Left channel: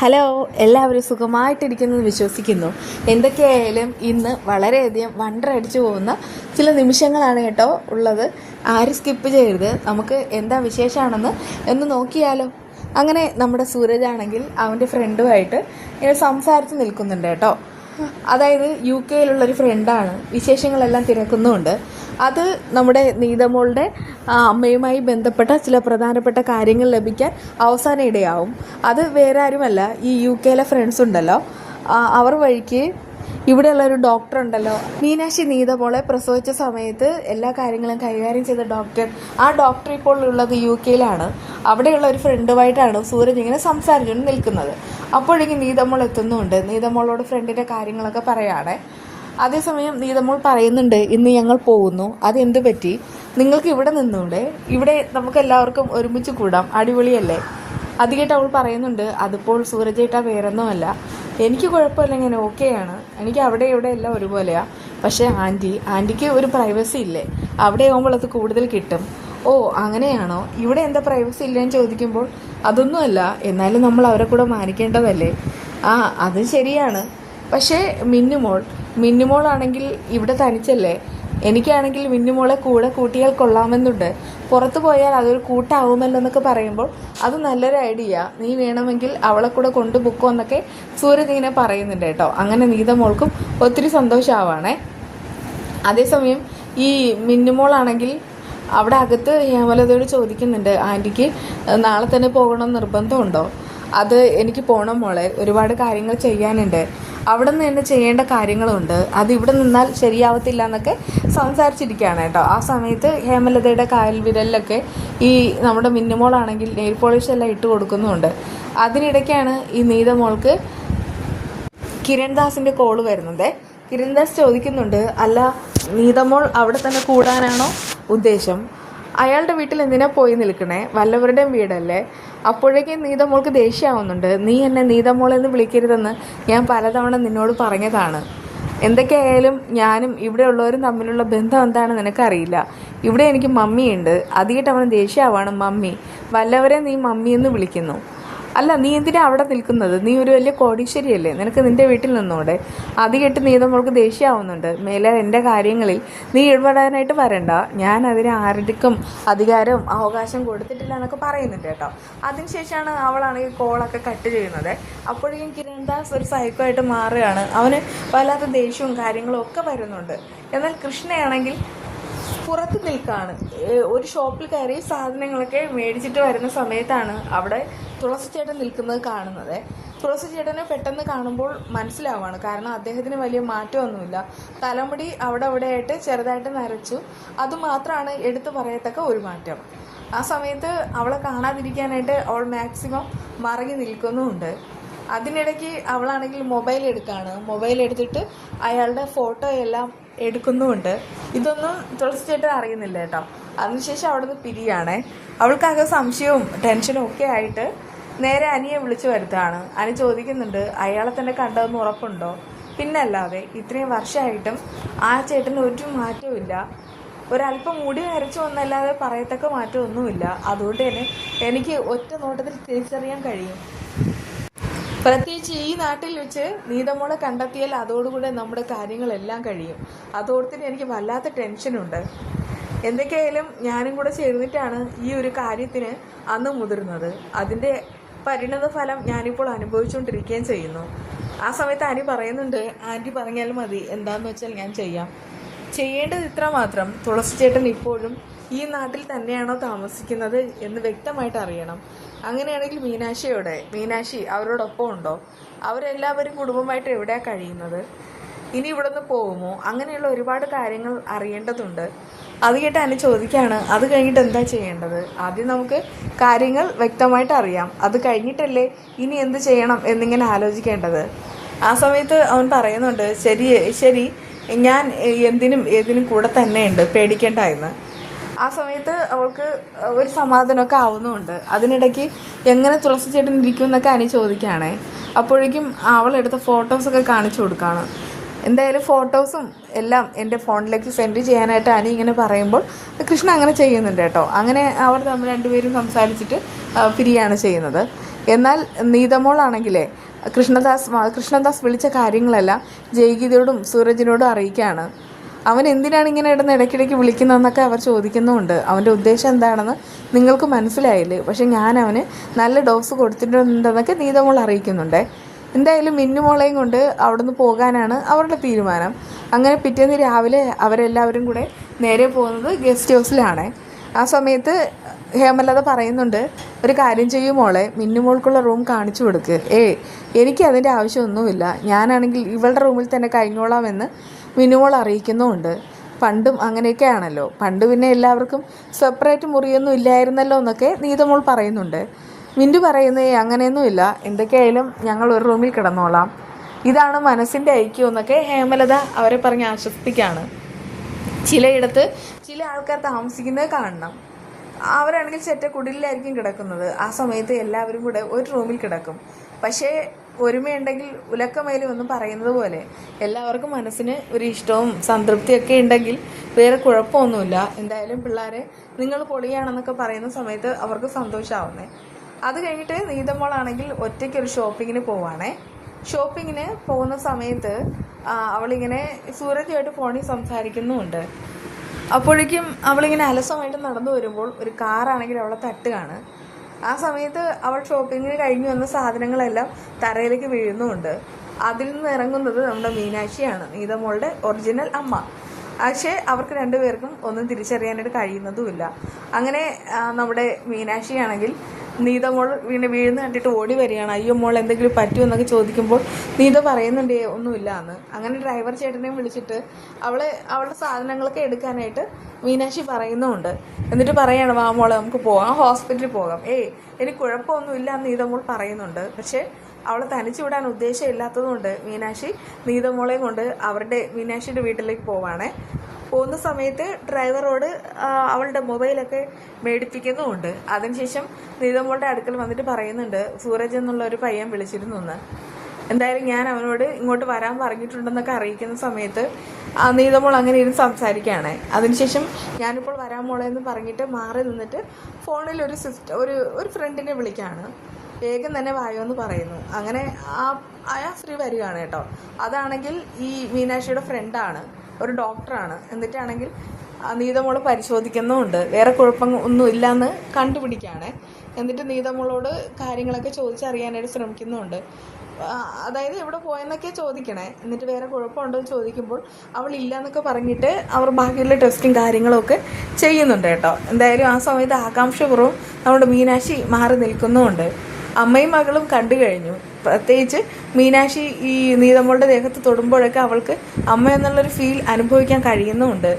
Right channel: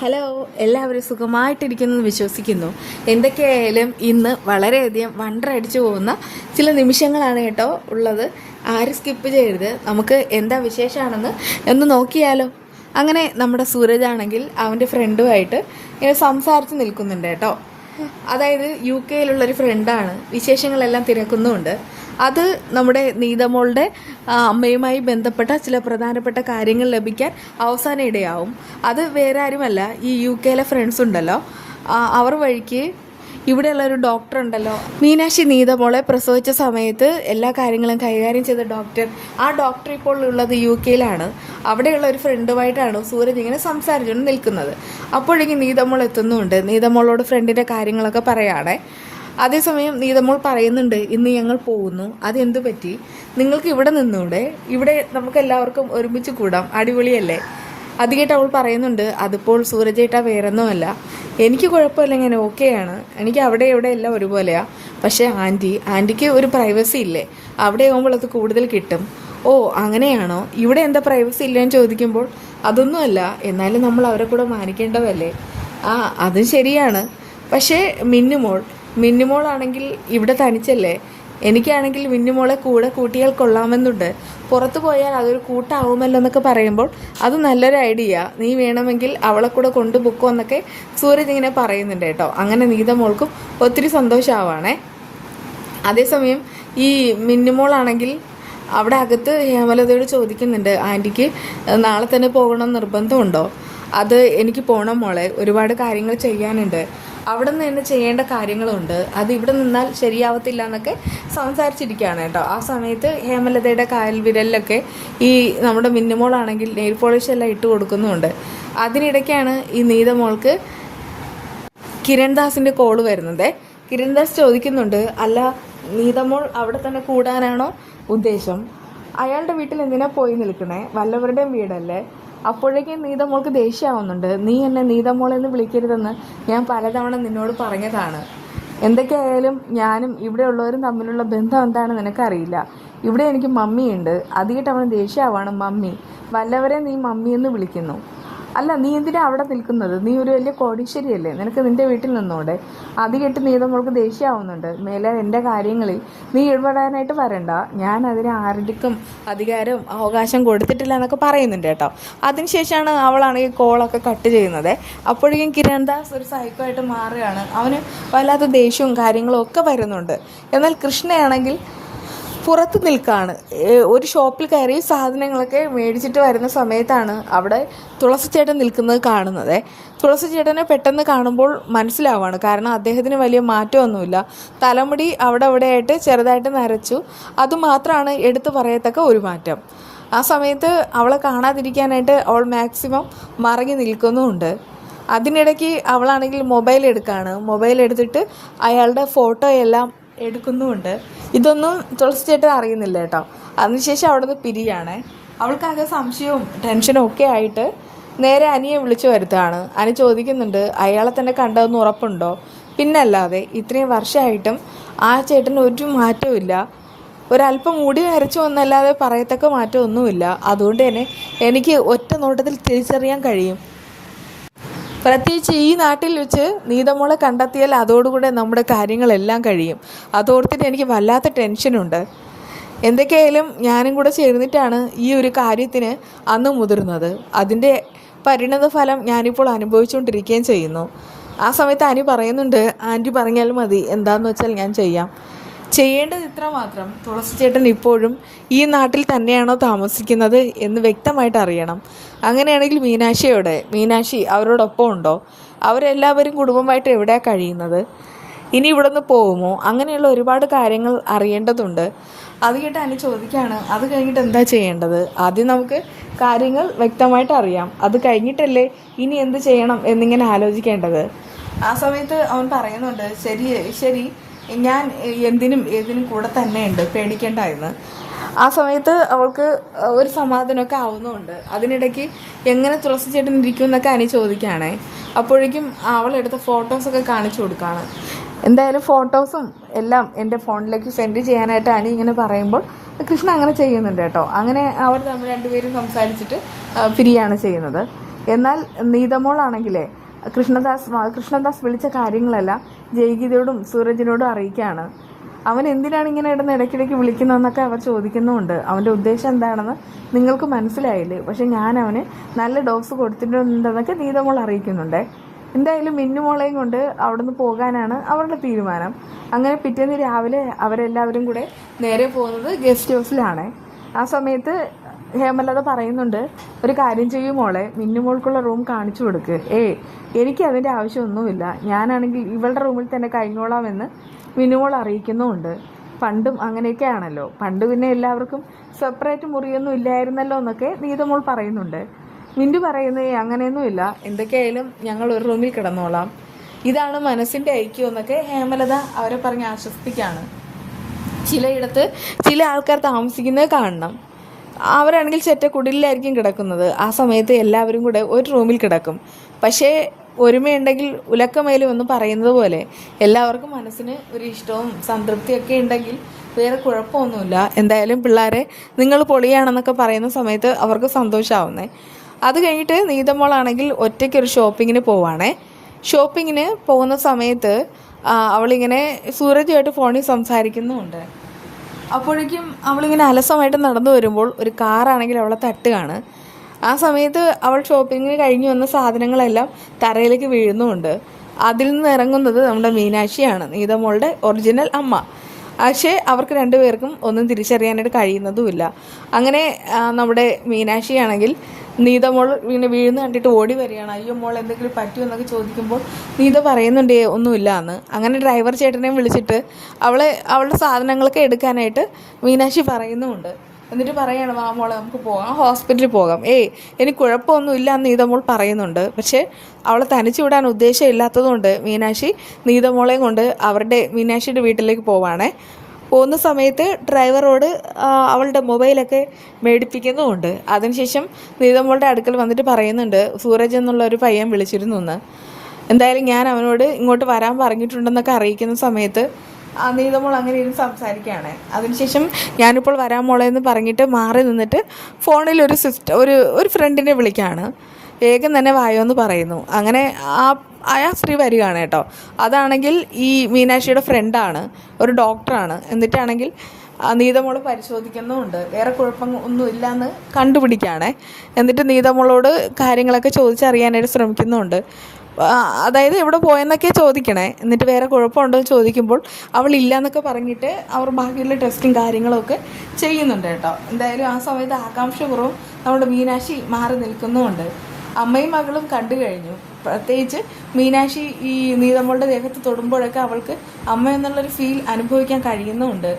Hello, എല്ലാവരും സുഖമായിട്ടിരിക്കുന്നെന്ന് വിശ്വസിക്കുന്നു. എന്തൊക്കെയായാലും ഇന്ന് വളരെയധികം വണ്ടറടിച്ചു പോകുന്ന ചില നിമിഷങ്ങളാണ് കേട്ടോ ഉള്ളത്. ആരും സ്കിപ്പ് ചെയ്യരുത്. നമുക്ക് എന്താ വിശേഷമാണെന്ന് ഒന്ന് നോക്കിയാലോ. അങ്ങനെ നമ്മുടെ സൂരജാണെങ്കിൽ അവൻ്റെ ഫ്രണ്ടുമായിട്ട് ഇങ്ങനെ സംസാരിച്ച് നിൽക്കുന്നുണ്ട് കേട്ടോ. അതായത് UK ഫ്രണ്ടാണ്. വിശേഷങ്ങളെല്ലാം തിരക്കുന്നുമുണ്ട്. അത് നമ്മുടെ നീതമോളുടെ അമ്മയുമായി ബന്ധപ്പെട്ട ചില പ്രധാനപ്പെട്ട കാര്യങ്ങൾ ലഭിക്കാൻ അവസാനം ഇടയാവും. അത് വേറെ ആരുമല്ല, ഈ UK ഫ്രണ്ട്സ് ഉണ്ടല്ലോ, അവർ വഴിക്ക് ഇവിടെയുള്ളൊരു ഡോക്ടർ ഉണ്ടല്ലോ, മീനാക്ഷി നീതമോളെ പ്രസവിച്ച സമയത്ത് എല്ലാ കാര്യങ്ങളും കൈകാര്യം ചെയ്ത ഡോക്ടർ. ആ ഡോക്ടർ ഇപ്പോൾ ഉള്ളത് UK അവിടെയുള്ള ഒരു ഫ്രണ്ടുമായിട്ടാണ് സൂരജ് ഇങ്ങനെ സംസാരിച്ചുകൊണ്ട് നിൽക്കുന്നത്. അപ്പോഴേക്കും നീതമോൾ എത്തുന്നുണ്ട്. നീതമോളോട് ഫ്രണ്ടിൻ്റെ കാര്യങ്ങളൊക്കെ പറയുകയാണേ. അതേസമയം നീതമോൾ പറയുന്നുണ്ട്, ഇന്ന് ഞങ്ങൾ പോകുന്നു. അതെന്ത് പറ്റി? നിങ്ങൾക്ക് ഇവിടെ നിന്നൂടെ? ഇവിടെ നമുക്ക് എല്ലാവർക്കും ഒരുമിച്ച് കൂടാം, അടിപൊളിയല്ലേ? അത് കേട്ട് അവൾ പറയുന്നുണ്ട്, അതിപ്പോൾ സൂരജേട്ടാ വേറൊന്നുമല്ല, എനിക്ക് കുഴപ്പമില്ല, ഞാൻ ഓക്കെയാണ്. എനിക്ക് അവിടെ ഇവിടെ എല്ലാം ഒരുപോലെയാണ്. പക്ഷേ ആൻറ്റിക്ക് ഒരു പ്രൈവസി ഇല്ലേ? അവിടെ ആകുമ്പോൾ അത് കൂടുതൽ കിട്ടും. ഓ അങ്ങനെയാണോ? ഇവിടെ എന്താ പ്രൈവസി ഇല്ലയെന്ന് ചോദിക്കുമ്പോൾ അതൊന്നുമല്ല, എന്നാലും നമ്മൾ അവരെ കൂടെ മാനിക്കേണ്ടതല്ലേ? അത് ശരിയാണ്. പക്ഷേ മിന്നുമോളാണെങ്കിൽ ഇവിടെ തനിച്ചല്ലേ? എനിക്കാണെങ്കിൽ മിന്നുമോളെ കൂടെ കൂട്ടിയാൽ കൊള്ളാമെന്നുണ്ട്. പുറത്തു പോയാൽ അതൊരു കൂട്ടാവുമല്ലോ എന്നൊക്കെ പറയുമ്പോൾ അത് നല്ലൊരു ഐഡിയ, നീ വേണമെങ്കിൽ അവളെ കൂടെ കൊണ്ടുപോക്കോ എന്നൊക്കെ സൂരജ് ഇങ്ങനെ പറയുന്നുണ്ട് കേട്ടോ. അങ്ങനെ നീതമോൾക്കും ഒത്തിരി സന്തോഷമാവാണേ. അതേസമയം ഈ മിന്നുമോളാണെങ്കിൽ അവിടെ അകത്ത് ഹേമലതയോട് ചോദിക്കുന്നുണ്ട്, ആൻറ്റിക്ക് നാളെ തന്നെ പോകണം നിർബന്ധമുണ്ടോ? അത് എനിക്ക് പോകണം മോളെ, ഒരുപാട് കാര്യങ്ങൾ ചെയ്യാനുണ്ട്, അവിടെ നിന്ന് തന്നെ ചെയ്യേണ്ട കാര്യങ്ങളുണ്ട്, അത് ഇവിടെ നിന്നാൽ ശരിയാവത്തില്ല എന്നൊക്കെ സംസാരിച്ചിരിക്കുകയാണ് കേട്ടോ. ആ സമയത്ത് ഹേമലതയുടെ കായൽ വിരലിലൊക്കെ ഈ നമ്മുടെ മിന്നുമോളാണെങ്കിൽ നെയിൽ പോളിഷ് എല്ലാം ഇട്ട് കൊടുക്കുന്നുമുണ്ട്. അതിനിടയ്ക്കാണ് ഈ നീതമോൾക്ക് കിരൺദാസിൻ്റെ കോള് വരുന്നത്. കിരൺദാസ് ചോദിക്കുന്നുണ്ട്, അല്ല നീതമോൾ അവിടെ തന്നെ കൂടാനാണോ ഉദ്ദേശം? അയാളുടെ വീട്ടിൽ എന്തിനാ പോയി നിൽക്കണേ? വല്ലവരുടെയും വീടല്ലേ? അപ്പോഴേക്കും നീതമോൾക്ക് ദേഷ്യമാവുന്നുണ്ട്. നീ എന്നെ നീതമോളെന്ന് വിളിക്കരുതെന്ന് ഞാൻ പലതവണ നിന്നോട് പറഞ്ഞതാണ്. എന്തൊക്കെയായാലും ഞാനും ഇവിടെ ഉള്ളവരും തമ്മിലുള്ള ബന്ധം എന്താണെന്ന് നിനക്കറിയില്ല. ഇവിടെ എനിക്ക് മമ്മിയുണ്ട്. അതിയിട്ട് അവന് ദേഷ്യമാവാണ്. മമ്മി, വല്ലവരെ നീ മമ്മിയെന്ന് വിളിക്കുന്നു. അല്ല, നീ എന്തിനാ അവിടെ നിൽക്കുന്നത്? നീ ഒരു വലിയ കോടീശ്വരിയല്ലേ, നിനക്ക് നിൻ്റെ വീട്ടിൽ നിന്നൂടെ? അത് കേട്ട് നീതമോൾക്ക് ദേഷ്യമാവുന്നുണ്ട്. മേലെ എൻ്റെ കാര്യങ്ങളിൽ നീ ഇടപെടാനായിട്ട് വരണ്ട, ഞാൻ അതിന് ആരുടെക്കും അധികാരം അവകാശം കൊടുത്തിട്ടില്ല എന്നൊക്കെ പറയുന്നുണ്ട് കേട്ടോ. അതിനുശേഷമാണ് അവളാണെങ്കിൽ കോളൊക്കെ കട്ട് ചെയ്യുന്നത്. അപ്പോഴേക്കും കിരൺദാസ് ഒരു സൈക്കോ ആയിട്ട് മാറുകയാണ്. അവന് വല്ലാത്ത ദേഷ്യവും കാര്യങ്ങളും ഒക്കെ വരുന്നുണ്ട്. എന്നാൽ കൃഷ്ണയാണെങ്കിൽ പുറത്ത് നിൽക്കുകയാണ്. ഒരു ഷോപ്പിൽ കയറി സാധനങ്ങളൊക്കെ മേടിച്ചിട്ട് വരുന്ന സമയത്താണ് അവിടെ തുളസി ചേട്ടൻ നിൽക്കുന്നത് കാണുന്നത്. തുളസി ചേട്ടനെ പെട്ടെന്ന് കാണുമ്പോൾ മനസ്സിലാവുകയാണ്, കാരണം അദ്ദേഹത്തിന് വലിയ മാറ്റമൊന്നുമില്ല. തലമുടി അവിടെ ആയിട്ട് ചെറുതായിട്ട് നരച്ചു, അതുമാത്രമാണ് എടുത്തു പറയത്തക്ക ഒരു മാറ്റം. ആ സമയത്ത് അവളെ കാണാതിരിക്കാനായിട്ട് അവൾ മാക്സിമം മറങ്ങി നിൽക്കുന്നുമുണ്ട്. അതിനിടയ്ക്ക് അവളാണെങ്കിൽ മൊബൈൽ എടുത്തിട്ട് അയാളുടെ ഫോട്ടോ എല്ലാം എടുക്കുന്നുമുണ്ട്. ഇതൊന്നും തുളസി ചേട്ടൻ അറിയുന്നില്ല കേട്ടോ. അതിനുശേഷം അവിടെ നിന്ന് പിരിയാണ്. അവൾക്കാകെ സംശയവും ടെൻഷനും ഒക്കെ ആയിട്ട് നേരെ അനിയെ വിളിച്ചു വരുത്താണ്. അനി ചോദിക്കുന്നുണ്ട്, അയാളെ തന്നെ കണ്ടതെന്ന് ഉറപ്പുണ്ടോ? പിന്നല്ലാതെ, ഇത്രയും വർഷമായിട്ടും ആ ചേട്ടന് ഒരു മാറ്റവും ഇല്ല. ഒരല്പം മുടി നരച്ചു വന്നല്ലാതെ പറയത്തക്ക മാറ്റമൊന്നുമില്ല. അതുകൊണ്ട് തന്നെ എനിക്ക് ഒറ്റ നോട്ടത്തിൽ തിരിച്ചറിയാൻ കഴിയും. പ്രത്യേകിച്ച് ഈ നാട്ടിൽ വെച്ച് നീതമോളെ കണ്ടെത്തിയാൽ അതോടുകൂടെ നമ്മുടെ കാര്യങ്ങളെല്ലാം കഴിയും. അതോർത്തിട്ട് എനിക്ക് വല്ലാത്ത ടെൻഷനുണ്ട്. എന്തൊക്കെയായാലും ഞാനും കൂടെ ചേർന്നിട്ടാണ് ഈ ഒരു കാര്യത്തിന് അന്ന് മുതിർന്നത്. അതിൻ്റെ പരിണത ഫലം ഞാനിപ്പോൾ അനുഭവിച്ചുകൊണ്ടിരിക്കുകയും ചെയ്യുന്നു. ആ സമയത്ത് അനി പറയുന്നുണ്ട്, ആൻറ്റി പറഞ്ഞാൽ മതി, എന്താണെന്ന് വെച്ചാൽ ഞാൻ ചെയ്യാം. ചെയ്യേണ്ടത് ഇത്ര മാത്രം, തുളസി ചേട്ടൻ ഇപ്പോഴും ഈ നാട്ടിൽ തന്നെയാണോ താമസിക്കുന്നത് എന്ന് വ്യക്തമായിട്ട് അറിയണം. അങ്ങനെയാണെങ്കിൽ മീനാക്ഷി അവരോടൊപ്പം ഉണ്ടോ? അവരെല്ലാവരും കുടുംബമായിട്ട് എവിടെയാണ് കഴിയുന്നത്? ഇനി ഇവിടെ നിന്ന് പോകുമോ? അങ്ങനെയുള്ള ഒരുപാട് കാര്യങ്ങൾ അറിയേണ്ടതുണ്ട്. അത് കേട്ട് അനി ചോദിക്കുകയാണ്, അത് കഴിഞ്ഞിട്ട് എന്താ ചെയ്യേണ്ടത്? ആദ്യം നമുക്ക് കാര്യങ്ങൾ വ്യക്തമായിട്ട് അറിയാം, അത് കഴിഞ്ഞിട്ടല്ലേ ഇനി എന്ത് ചെയ്യണം എന്നിങ്ങനെ ആലോചിക്കേണ്ടത്. ആ സമയത്ത് അവൻ പറയുന്നുണ്ട്, ശരി ഞാൻ ഏതിനും കൂടെ തന്നെയുണ്ട്, പേടിക്കേണ്ട എന്ന്. ആ സമയത്ത് അവൾക്ക് ഒരു സമാധാനമൊക്കെ ആവുന്നുമുണ്ട്. അതിനിടയ്ക്ക് എങ്ങനെ തുളസി ചേട്ടൻ ഇരിക്കും എന്നൊക്കെ അനി ചോദിക്കുകയാണേ. അപ്പോഴേക്കും അവളെടുത്ത ഫോട്ടോസൊക്കെ കാണിച്ചു കൊടുക്കുകയാണ്. എന്തായാലും ഫോട്ടോസും എല്ലാം എൻ്റെ ഫോണിലേക്ക് സെൻഡ് ചെയ്യാനായിട്ട് അനി ഇങ്ങനെ പറയുമ്പോൾ കൃഷ്ണ അങ്ങനെ ചെയ്യുന്നുണ്ട് കേട്ടോ. അങ്ങനെ അവർ തമ്മിൽ രണ്ടുപേരും സംസാരിച്ചിട്ട് പിരിയാണ് ചെയ്യുന്നത്. എന്നാൽ നീതമോളാണെങ്കിലേ കൃഷ്ണദാസ് വിളിച്ച കാര്യങ്ങളെല്ലാം ജയഗീതയോടും സൂരജിനോടും അറിയിക്കുകയാണ്. അവൻ എന്തിനാണ് ഇങ്ങനെ ഇടയ്ക്കിടയ്ക്ക് വിളിക്കുന്നതെന്നൊക്കെ അവർ ചോദിക്കുന്നുമുണ്ട്. അവൻ്റെ ഉദ്ദേശം എന്താണെന്ന് നിങ്ങൾക്ക് മനസ്സിലായില്ലേ, പക്ഷെ ഞാൻ അവന് നല്ല ഡോസ് കൊടുത്തിട്ടുണ്ടെന്നൊക്കെ നീതമോൾ അറിയിക്കുന്നുണ്ട്. എന്തായാലും മിന്നുമോളെയും കൊണ്ട് അവിടെ നിന്ന് പോകാനാണ് അവരുടെ തീരുമാനം. അങ്ങനെ പിറ്റേന്ന് രാവിലെ അവരെല്ലാവരും കൂടെ നേരെ പോകുന്നത് ഗസ്റ്റ് ഹൗസിലാണ്. ആ സമയത്ത് ഹേമലത പറയുന്നുണ്ട്, ഒരു കാര്യം ചെയ്യും മോളെ, മിന്നുമോൾക്കുള്ള റൂം കാണിച്ചു കൊടുക്ക്. എനിക്ക് അതിൻ്റെ ആവശ്യമൊന്നുമില്ല, ഞാനാണെങ്കിൽ ഇവളുടെ റൂമിൽ തന്നെ കഴിഞ്ഞോളാമെന്ന് മിന്നുമോൾ അറിയിക്കുന്നുമുണ്ട്. പണ്ടും അങ്ങനെയൊക്കെ ആണല്ലോ, പണ്ട് പിന്നെ എല്ലാവർക്കും സെപ്പറേറ്റ് മുറിയൊന്നും ഇല്ലായിരുന്നല്ലോ എന്നൊക്കെ നീതമോൾ പറയുന്നുണ്ട്. മിന്നു പറയുന്നത് അങ്ങനെയൊന്നുമില്ല, എന്തൊക്കെയായാലും ഞങ്ങൾ ഒരു റൂമിൽ കിടന്നോളാം, ഇതാണ് മനസ്സിൻ്റെ ഐക്യം എന്നൊക്കെ ഹേമലത അവരെ പറഞ്ഞ് ആശ്വസിപ്പിക്കുകയാണ്. ചിലയിടത്ത് ചില ആൾക്കാർ താമസിക്കുന്നത് കാണണം. അവരാണെങ്കിൽ ചെറ്റക്കുടിലായിരിക്കും കിടക്കുന്നത്. ആ സമയത്ത് എല്ലാവരും കൂടെ ഒരു റൂമിൽ കിടക്കും. പക്ഷേ ഒരുമയുണ്ടെങ്കിൽ ഉലക്കമേലും എന്ന് പറയുന്നത് പോലെ എല്ലാവർക്കും മനസ്സിന് ഒരു ഇഷ്ടവും സംതൃപ്തിയൊക്കെ ഉണ്ടെങ്കിൽ വേറെ കുഴപ്പമൊന്നുമില്ല. എന്തായാലും പിള്ളേരെ നിങ്ങൾ പൊളിയാണെന്നൊക്കെ പറയുന്ന സമയത്ത് അവർക്ക് സന്തോഷമാവുന്നേ. അത് കഴിഞ്ഞിട്ട് നീതമോളാണെങ്കിൽ ഒറ്റയ്ക്കൊരു ഷോപ്പിങ്ങിന് പോവാണേ. ഷോപ്പിങ്ങിന് പോകുന്ന സമയത്ത് അവളിങ്ങനെ സൂരജുമായിട്ട് ഫോണിൽ സംസാരിക്കുന്നുമുണ്ട്. അപ്പോഴേക്കും അവളിങ്ങനെ അലസമായിട്ട് നടന്നു വരുമ്പോൾ ഒരു കാറാണെങ്കിൽ അവളെ തട്ടുകയാണ്. ആ സമയത്ത് അവൾ ഷോപ്പിങ്ങിന് കഴിഞ്ഞു വന്ന സാധനങ്ങളെല്ലാം തറയിലേക്ക് വീഴുന്നുമുണ്ട്. അതിൽ നിന്ന് ഇറങ്ങുന്നത് നമ്മുടെ മീനാക്ഷിയാണ്, നീതമോളുടെ ഒറിജിനൽ അമ്മ. പക്ഷേ അവർക്ക് രണ്ടുപേർക്കും ഒന്നും തിരിച്ചറിയാനായിട്ട് കഴിയുന്നതുമില്ല. അങ്ങനെ നമ്മുടെ മീനാക്ഷിയാണെങ്കിൽ നീതമോൾ വീഴുന്ന കണ്ടിട്ട് ഓടി വരികയാണ്. അയ്യോ മോൾ എന്തെങ്കിലും പറ്റുമെന്നൊക്കെ ചോദിക്കുമ്പോൾ നീത പറയുന്നുണ്ട് ഒന്നുമില്ല എന്ന്. അങ്ങനെ ഡ്രൈവർ ചേട്ടനെയും വിളിച്ചിട്ട് അവളുടെ സാധനങ്ങളൊക്കെ എടുക്കാനായിട്ട് മീനാക്ഷി പറയുന്നുമുണ്ട്. എന്നിട്ട് പറയാണ്, വാ മോളെ നമുക്ക് പോകാം, ഹോസ്പിറ്റലിൽ പോകാം. എനിക്ക് കുഴപ്പമൊന്നുമില്ല എന്ന് നീതമോൾ പറയുന്നുണ്ട്. പക്ഷേ അവളെ തനിച്ചു വിടാൻ ഉദ്ദേശമില്ലാത്തതുകൊണ്ട് മീനാക്ഷി നീതമോളെയും കൊണ്ട് മീനാക്ഷിയുടെ വീട്ടിലേക്ക് പോവാണേ. പോകുന്ന സമയത്ത് ഡ്രൈവറോട് അവളുടെ മൊബൈലൊക്കെ മേടിപ്പിക്കുന്നുമുണ്ട്. അതിനുശേഷം നീതമോളുടെ അടുക്കൽ വന്നിട്ട് പറയുന്നുണ്ട്, സൂരജ് എന്നുള്ള ഒരു പയ്യൻ വിളിച്ചിരുന്നു എന്ന്. എന്തായാലും ഞാൻ അവനോട് ഇങ്ങോട്ട് വരാൻ പറഞ്ഞിട്ടുണ്ടെന്നൊക്കെ അറിയിക്കുന്ന സമയത്ത് നീതമോൾ അങ്ങനെ ഇരുന്ന് സംസാരിക്കുകയാണ്. അതിനുശേഷം ഞാനിപ്പോൾ വരാൻ മോളെ എന്ന് പറഞ്ഞിട്ട് മാറി നിന്നിട്ട് ഫോണിൽ ഒരു ഫ്രണ്ടിനെ വിളിക്കുകയാണ്. വേഗം തന്നെ വായോ എന്ന് പറയുന്നു. അങ്ങനെ ആ സ്ത്രീ വരികയാണ് കേട്ടോ. അതാണെങ്കിൽ ഈ മീനാക്ഷിയുടെ ഫ്രണ്ടാണ്, ഒരു ഡോക്ടറാണ്. എന്നിട്ടാണെങ്കിൽ നീതമോളെ പരിശോധിക്കുന്നുമുണ്ട്. വേറെ കുഴപ്പം ഒന്നുമില്ല എന്ന് കണ്ടുപിടിക്കുകയാണേ. എന്നിട്ട് നീതമോളോട് കാര്യങ്ങളൊക്കെ ചോദിച്ചറിയാനായിട്ട് ശ്രമിക്കുന്നുമുണ്ട്. അതായത് എവിടെ പോയെന്നൊക്കെ ചോദിക്കണേ. എന്നിട്ട് വേറെ കുഴപ്പമുണ്ടോ എന്ന് ചോദിക്കുമ്പോൾ അവളില്ല എന്നൊക്കെ പറഞ്ഞിട്ട് അവർ ബാക്കിയുള്ള ടെസ്റ്റും കാര്യങ്ങളൊക്കെ ചെയ്യുന്നുണ്ട് കേട്ടോ. എന്തായാലും ആ സമയത്ത് ആകാംക്ഷപൂർവ്വം നമ്മുടെ മീനാക്ഷി മാറി നിൽക്കുന്നുമുണ്ട്. അമ്മയും മകളും കണ്ടു കഴിഞ്ഞു. പ്രത്യേകിച്ച് മീനാക്ഷി ഈ നീതമോളുടെ ദേഹത്ത് തൊടുമ്പോഴൊക്കെ അവൾക്ക് അമ്മ എന്നുള്ളൊരു ഫീൽ അനുഭവിക്കാൻ കഴിയുന്നുമുണ്ട്.